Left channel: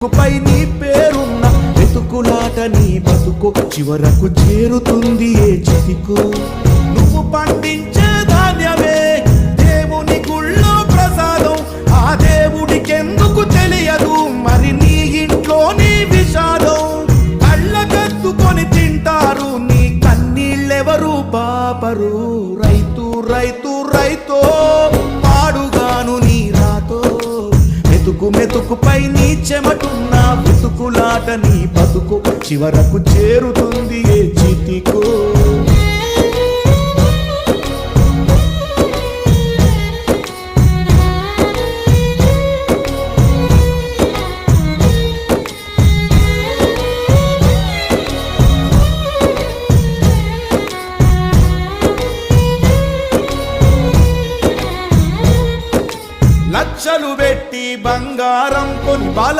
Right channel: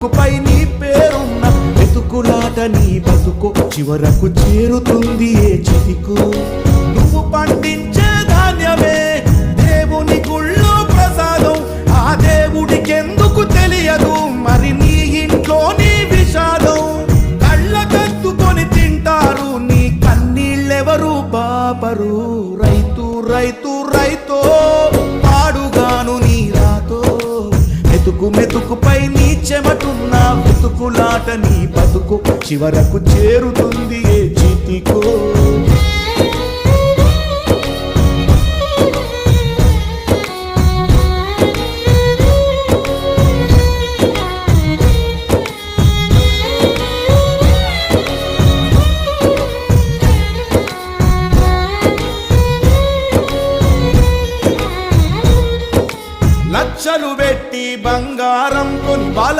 పై నీ పేరున్న వెతుకులాట నీ బతుకు చివరకు చేరుతుంది ఏ చితికు. నువ్వు పండించే ధాన్యమే దేవుని గుళ్ళో ప్రసాదం, ఆ దేవుడికెందుకు తెలియదు మరి నీ ఇంట్లో నీ విషాదం. కళ్ళ కత్తుకొని తింటారు నీ కన్నీళ్ళెవరు బాపరు. రైతు రైతు రైతో పాడుగాను నీ రాతో, మెతుకు మెతుకుపై నీ చెమటున్న వెతుకులాట నీ బతుకు చివరకు చేరుతుంది ఏ చితికో. లక్షలు పెట్టి బంగారం కొని బాల